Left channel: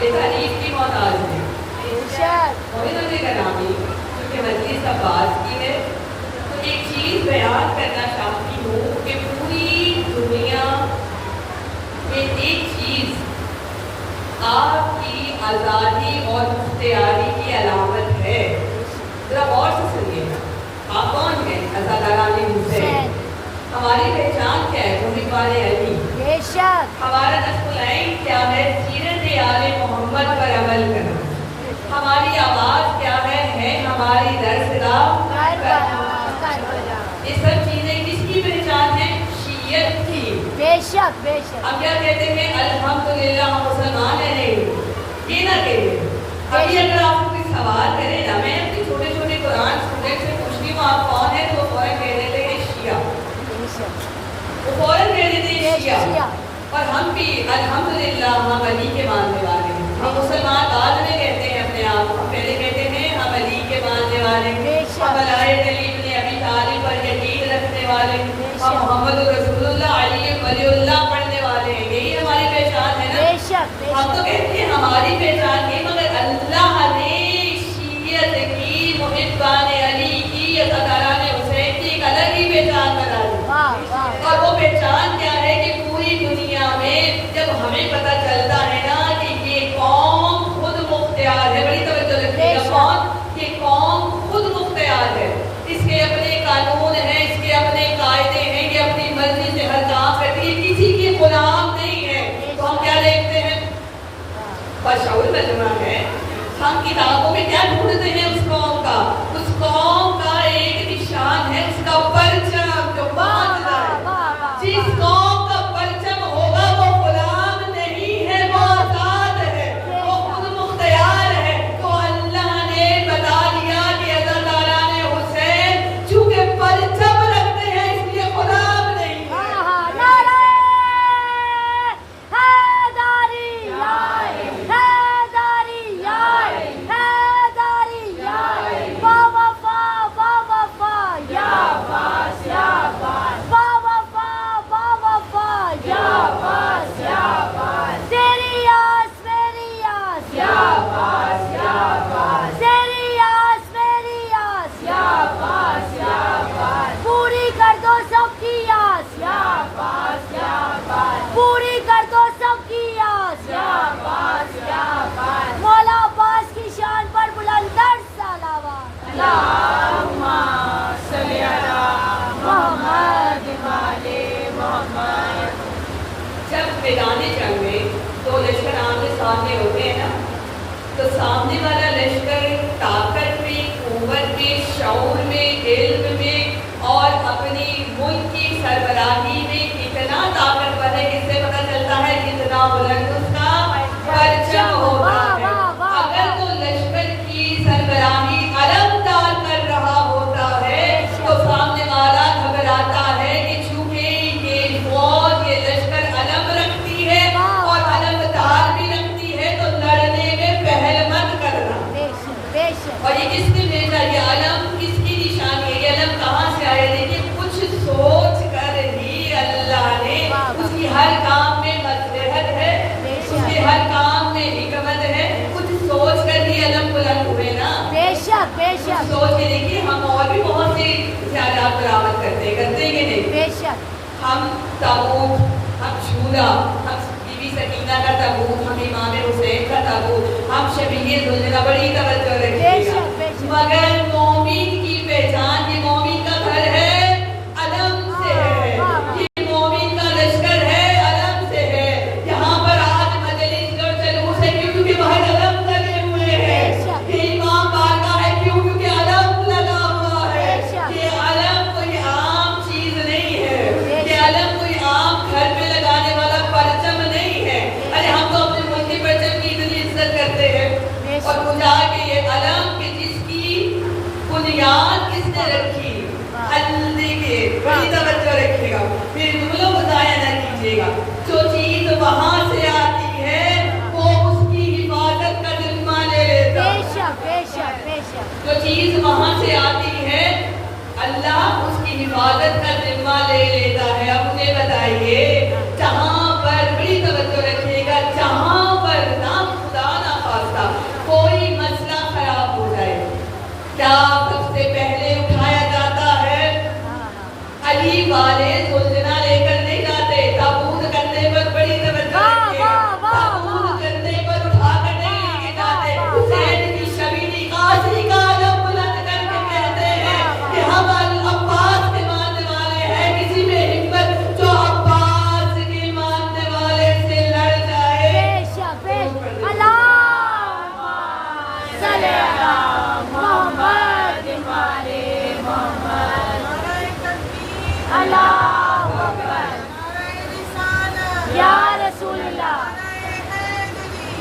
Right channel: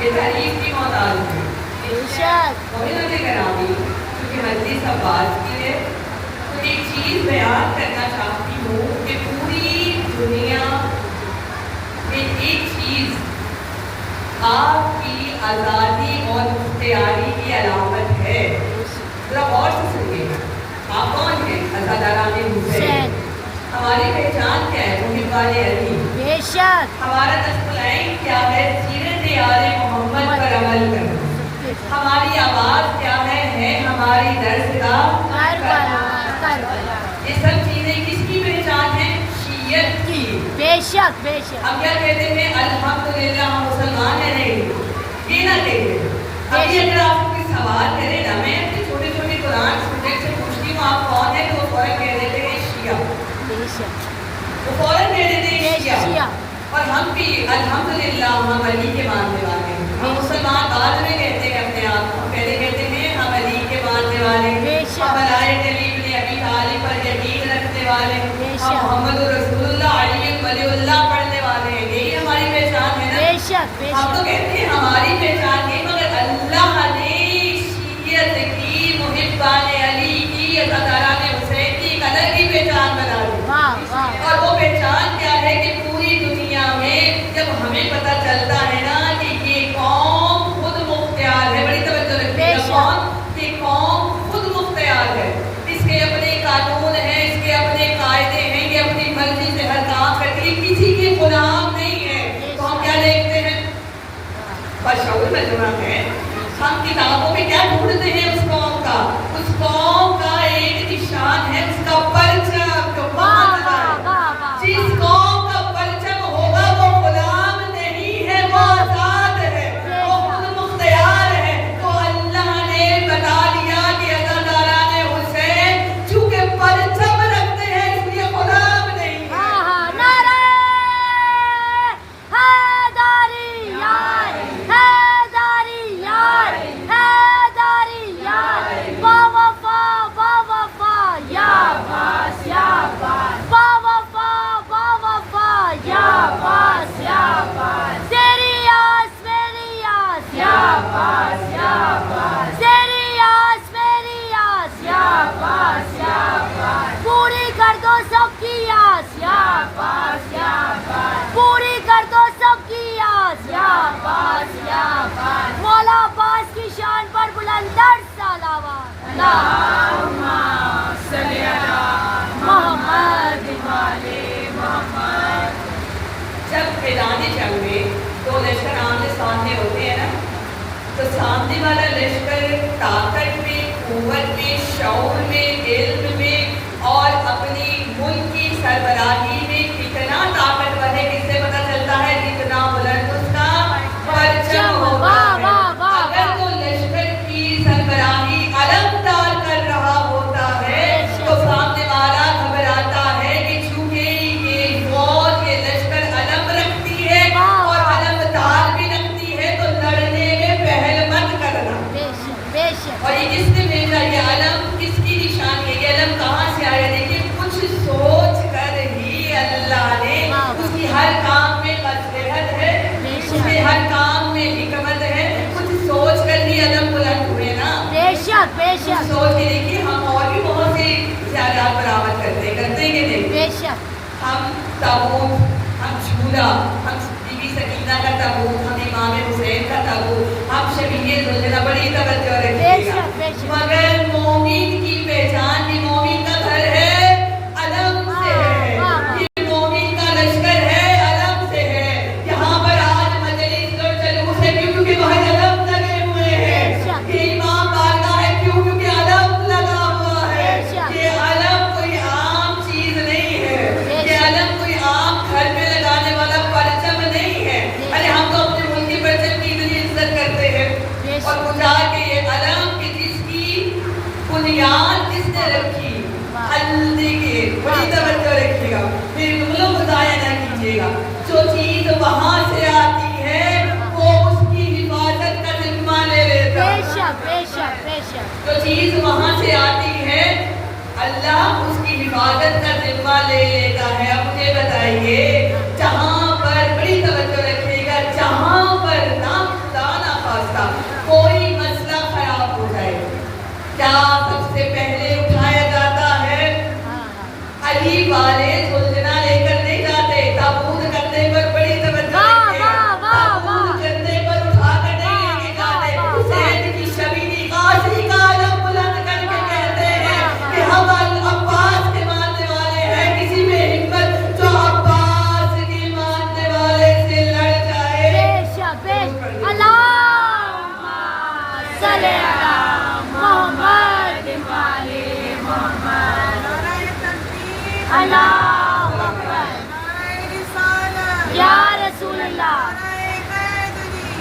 یہ تعریف کی محتاج ہے. مومنوں نے کرامی کیونکہ مجلس اب بات کی ہے تو ایک چیز بیان کرنا چاہتی ہوں کہ پوری دنیا میں ایک چیز آپ کی آزادی اور اختیاری کی علامت ہے. ذرا غور سے سنیے گا. آپ کون ہیں؟ عزاداران حسین. ہماری پہچان کیا ہے؟ محب علی. بے شک. ہمارا نصب العین کیا ہے؟ سیرت آل محمد پر عمل کرنا. ہماری آواز کیا ہے ہماری درسگاہ کربلا. یہ سب چیزیں کس کی پہچان ہے؟ شیعت کی. بے شک بے شک. ہم کیا کہتے ہیں؟ الحمدللہ ہم مسلمان ہیں. یہ نہ کہتے. ابھی اگر آپ کو کوئی سوال کرے نا، میں اپنے چھوٹے چھوٹے قرآن اسٹوڈنٹ سے پوچھتی ہوں آپ کون ہیں تو وہ فوراً کہہ دیتے ہیں شیعہ. وہ فوراً کہہ دیتے ہیں شیعہ. اور ہم بھی الحمدللہ ہم علی کے ماننے والے ہیں. ہم مسلمان بعد میں کہتے ہیں اپنے آپ کو، پہلے کہتے ہیں ہم علی کے ماننے والے ہیں. ہم بلائے کلیم نے ابی طالب پر یقین رکھنے والے ہیں. ہم محمد رسول اللہ علی ولی اللہ پڑھنے والے ہیں. یہی ہماری پہچان ہے نا. ہم تو کہتے ہیں ہماری پہچان ہے، مگر اللہ نے شیعت کی، محبان علی کی، عزاداران حسین کی ایک الگ ہی پہچان بنا دی. اور وہ پہچان کیا ہے کہ پوری دنیا میں جب ہمیں پتہ چلتا ہے نا کہ یہ قوم خود مختار ہے. بڑی توجہ رکھیے گا. یہ قوم خود مختار ہے. اس کے اپنے قانون ہیں، اس کے اپنے قاعدے ہیں. یہ اپنی مرضی سے ہر کام کرتی ہے، کسی کے غلام نہیں ہے. تو ہم کیا دیکھتے ہیں؟ بشعور مجمع ہے. ہم کتابوں میں کیا ڈھونڈتے ہیں؟ اس قوم کا، اس قوم کا ایک نشان ہے اس کا پرچم. جس قوم کا پرچم ہوگا وہ غلام نہیں ہے، وہ آزاد ہے، وہ خود مختار ہے. تو اللہ نے بتا دیا کہ عزاداران حسین چونکہ پرچم رکھتے ہیں اس لیے غلام نہیں ہے. پوری کر دو سب کی آس. مولا عباس کی شان پر بلندر صلوات. اللہم صلی علی محمد وعلی محمد. جب میدان جنگ میں دو لشکر آمنے سامنے ہوتے ہیں نا، تو سامنے والا لشکر طاقت میں، قوت میں، شعور میں، علم میں اور اپنی ملک کی سربراہی میں کتنا طاقتور ہے کس سے پتہ چلتا ہے؟ جتنا بلند اس کا پرچم ہوتا ہے. اگر تو لشکر کی سربراہی علمدار کر رہا ہوتا ہے تو سامنے والا گھبراتا ہے کہ چونکہ یہ فوج، یہ لشکر علم رکھتی ہے اور علمدار بھی رکھتی ہے تو لڑنے میں پہل مت کرنا. اور یہ کس نے بھیجا؟ یہ علم کس کی نشانی ہے؟ یہ علم کہاں سے آیا؟ دیکھیے کچھ سوچ کر ہی اللہ نے، اس کی ہر کام میں مصلحت ہے، اس کے ہر کام میں حکمت ہے. کچھ سوچ کر ہی علم بلند ہوئے نا. سوچ کے دیکھیے ہم اور بھی بہت سی خیالات برآمد کرتے کہ نہیں. ہم تابوت، ہم جھولا، ہم بی بی سکینہ کا تابوت، ہم امام حسین کا تابوت، ہم شبیہ ذوالجلال. بڑی توجہ رکھیے گا. مگر مومن کی پہچان بھی مومن کا گھر ہے، علم سے ہے. یہ مومن کا لشکر ہے، علم سے ہے. یہاں پر آج مجلس اور جلوس ہے کیونکہ وہاں علم لگے ہوئے ہیں. یہ امام بارگاہ ہے کیونکہ علم لگا ہوا ہے. یہ علم کوئی عام چیز نہیں ہے. یہ علم کوئی عام گھر میں لگانے والا پرچم نہیں ہے. ارے ہم تو اپنے ملک کے پرچم کی اتنی عزت کرتے ہیں اور بجا کے یہ علم کی جس کی بنیاد کس نے رکھی؟ اللہ کے. بڑی توجہ رکھیے گا، میرے جملوں کو ضائع نہ کیجیے گا. جو چیز وہاں سے آتی ہے وہ اس کی حفاظت کا ذمہ لے لیتا ہے. جو چیز وہاں سے آتی ہے اللہ اس کی حفاظت کا ذمہ لے لیتا ہے. اب مجھے بتائیے جہاں پر، بڑی توجہ رکھیے گا، جہاں پر نہ خدا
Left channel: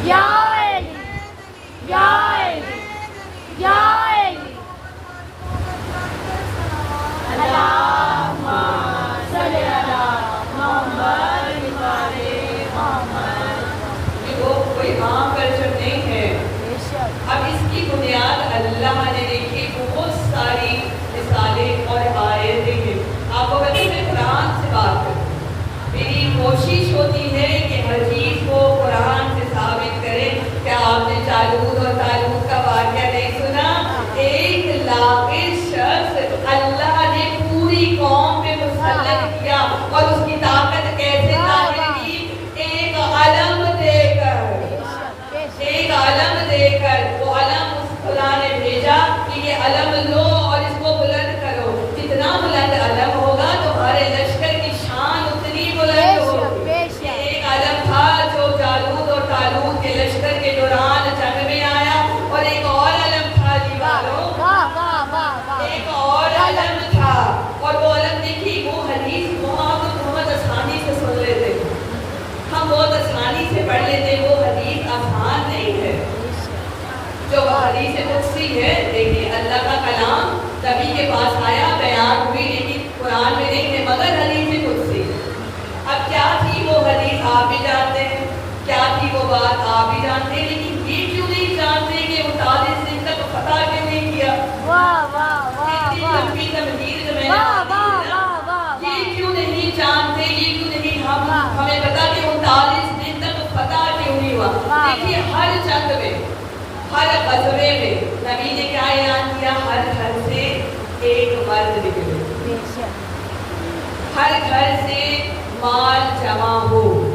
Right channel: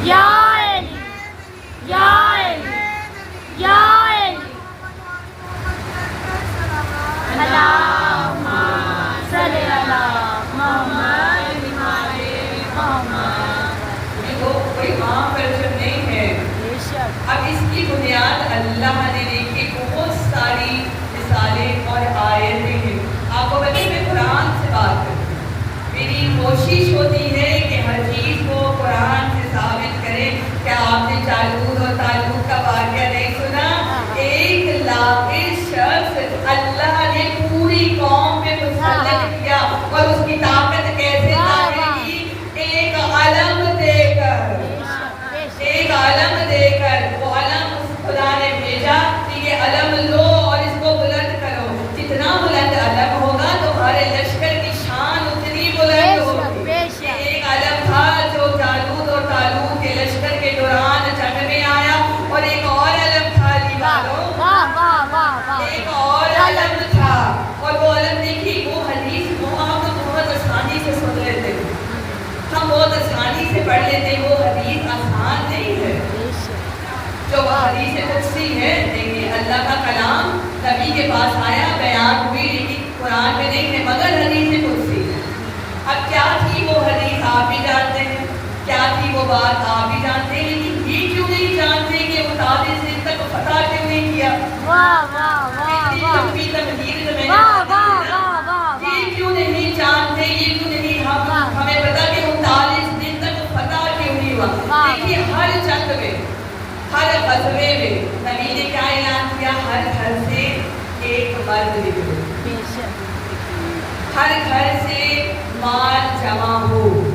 یا علی یا علی یا علی اللہم صلی علی محمد وعلی محمد. وہ کوئی عام ورژن نہیں ہے. بے شک. اب اس کی بنیاد اللہ نے دیکھی بہت ساری مثالیں اور آیتیں ہیں. آپ کو بچے میں قرآن سے بات کروں. میری کوشش ہوتی ہے کہ ہر چیز کو قرآن سے ثابت کریں. کیا آپ نے جالوت اور طالوت کا واقعہ نہیں سنا؟ ایک لاقی شخص اللہ نے پوری قوم پہ مسلط کیا اور اس کی طاقت کیسے ظاہر کی؟ ایک علم دے کر. ایک علم دے کر. وہ علم اس خدا نے بھیجا کہ یہ علم لو اور اس کو بلند کرو. جتنا بلند علم ہوگا تمہارے لشکر کی شان اتنی بلند ہوگی. ایک علم تھا جو جالوت اور طالوت کے لشکر کے دوران جنگ میں آیا. اور ایک اور علم تھا دیواروں. ایک اور علم تھا. اور وہ علم دیکھی وہ حدیث کو آپ بہت آسانی سے سن لیتے. ہم بہت آسانی سے پڑھ لیتے. وہ حدیث آسان نہیں ہے. جو حدیث قدسی ہے دیکھیے اللہ کا کلام نبی کے پاس آیا بیان ہوئی لیکن قرآن میں نہیں ہے مگر حدیث قدسی. اب کیا تھی وہ حدیث آپ بھی جانتے ہیں. کیا تھی وہ بات آپ بھی جانتے ہیں. لیکن یہ کیوں نہیں جانتے کہ 39 دن تک فتح کیوں نہیں کیا. یہ کیوں نہیں جانتے. یہ کیوں نہیں ہمیں پتا کہ 39 دن تک فتح کیوں نہیں ہوا. دیکھیے ہر جنگ میں ہر غزوے میں نبی نے کیا اعلان کیا؟ ہر گھر سے ایک مرد نکلے. ہر گھر سے مال جمع ہو.